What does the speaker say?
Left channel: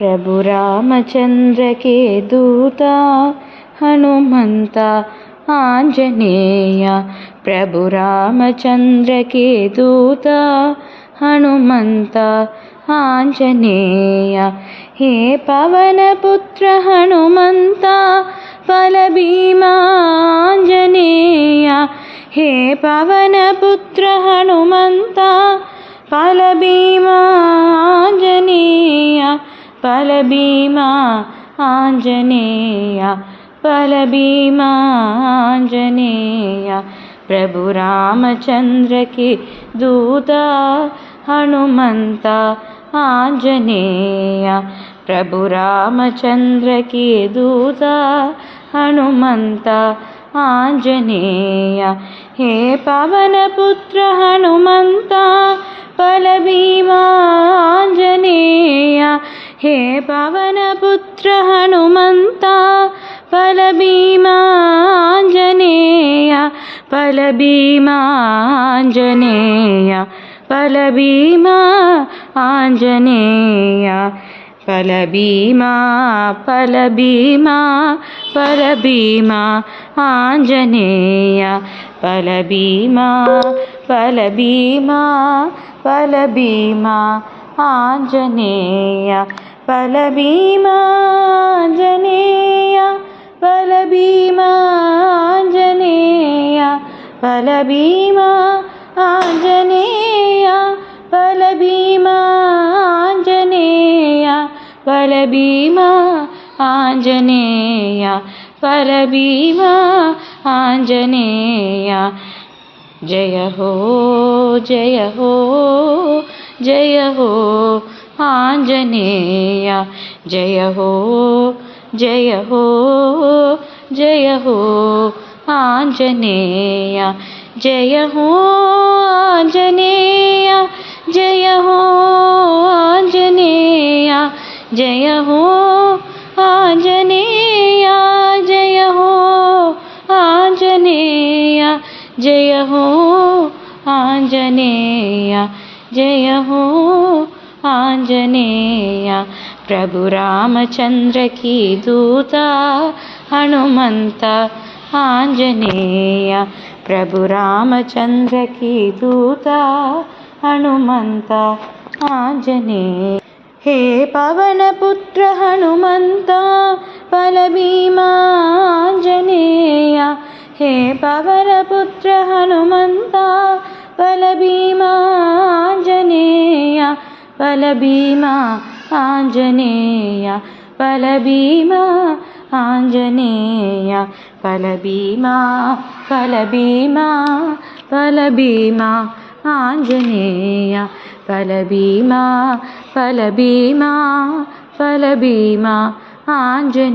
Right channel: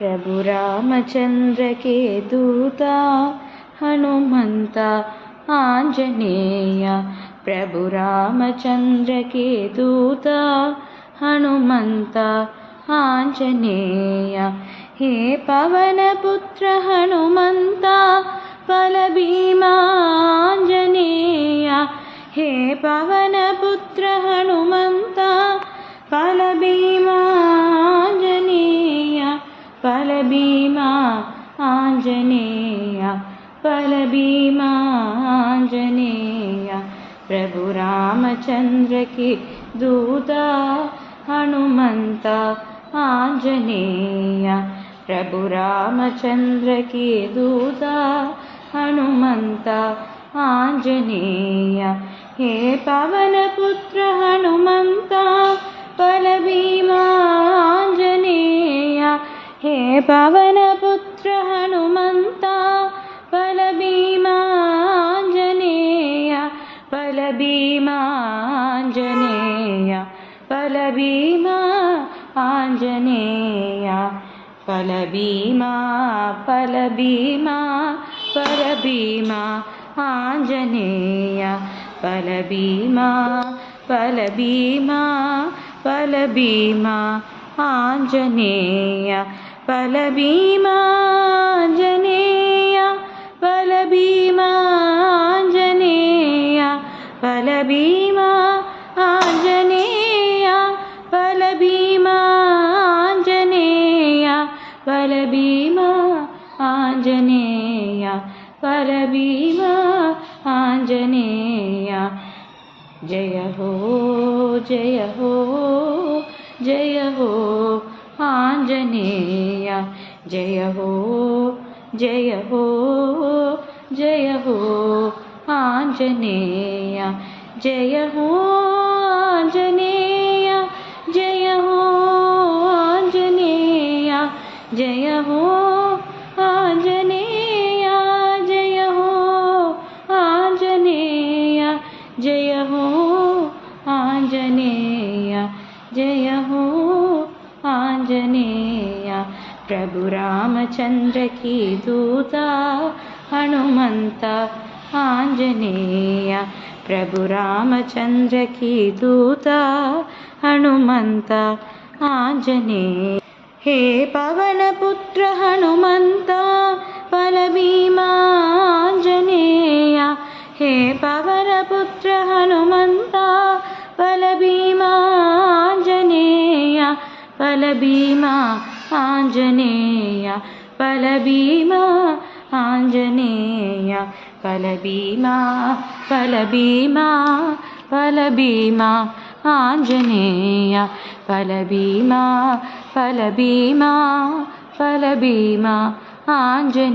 प्रभु रामचंद्र के दूता हनुमंत आंजनेय। प्रभु रामचंद्र के दूता हनुमंत आंजनेय। हे पवन पुत्र हनुमंत बल भीमा आंजनेय। हे पवन पुत्र हनुमंत बल भीमा आंजनेय। बल भीमा आंजनेय। बल भीमा आंजनेय। प्रभु रामचंद्र के दूता हनुमंत आंजनेय। प्रभु रामचंद्र के दूता हनुमंत आंजनेय। हे पवन पुत्र हनुमंत बल भीमा आंजनेय। हे पवन पुत्र हनुमंत बल भीमा आंजनेय। बल भीमा आंजनेय। बल भीमा आंजनेय। बल भीमा बल भीमा बल भीमा आंजनेय। बल भीमा बल भीमा बल भीमा आंजनेय। बल भीमा आंजनेय। बल भीमा आंजनेय। बल भीमा आंजनेय। बल भीमा आंजनेय। बल भीमा आंजनेय। बल भीमा आंजनेय। जय हो जय हो जय हो आंजनेय। जय हो जय हो जय हो आंजनेय। जय हो आंजनेय। जय हो आंजनेय। जय हो आंजनेय। जय हो आंजनेय। जय हो आंजनेय। जय हो आंजनेय। प्रभु रामचंद्र की दूता हनुमंत आंजनेय। प्रभु रामचंद्र की दूता हनुमंत आंजनेय। हे पवन पुत्र हनुमंत बल भीमा आंजनेय। हे पवन पुत्र हनुमंत बल भीमा आंजनेय। बल भीमा आंजनेय। बल भीमा आंजनेय। बल भीमा बल भीमा बल भीमा आंजनेय। बल भीमा बल भीमा बल भीमा आंजनेय।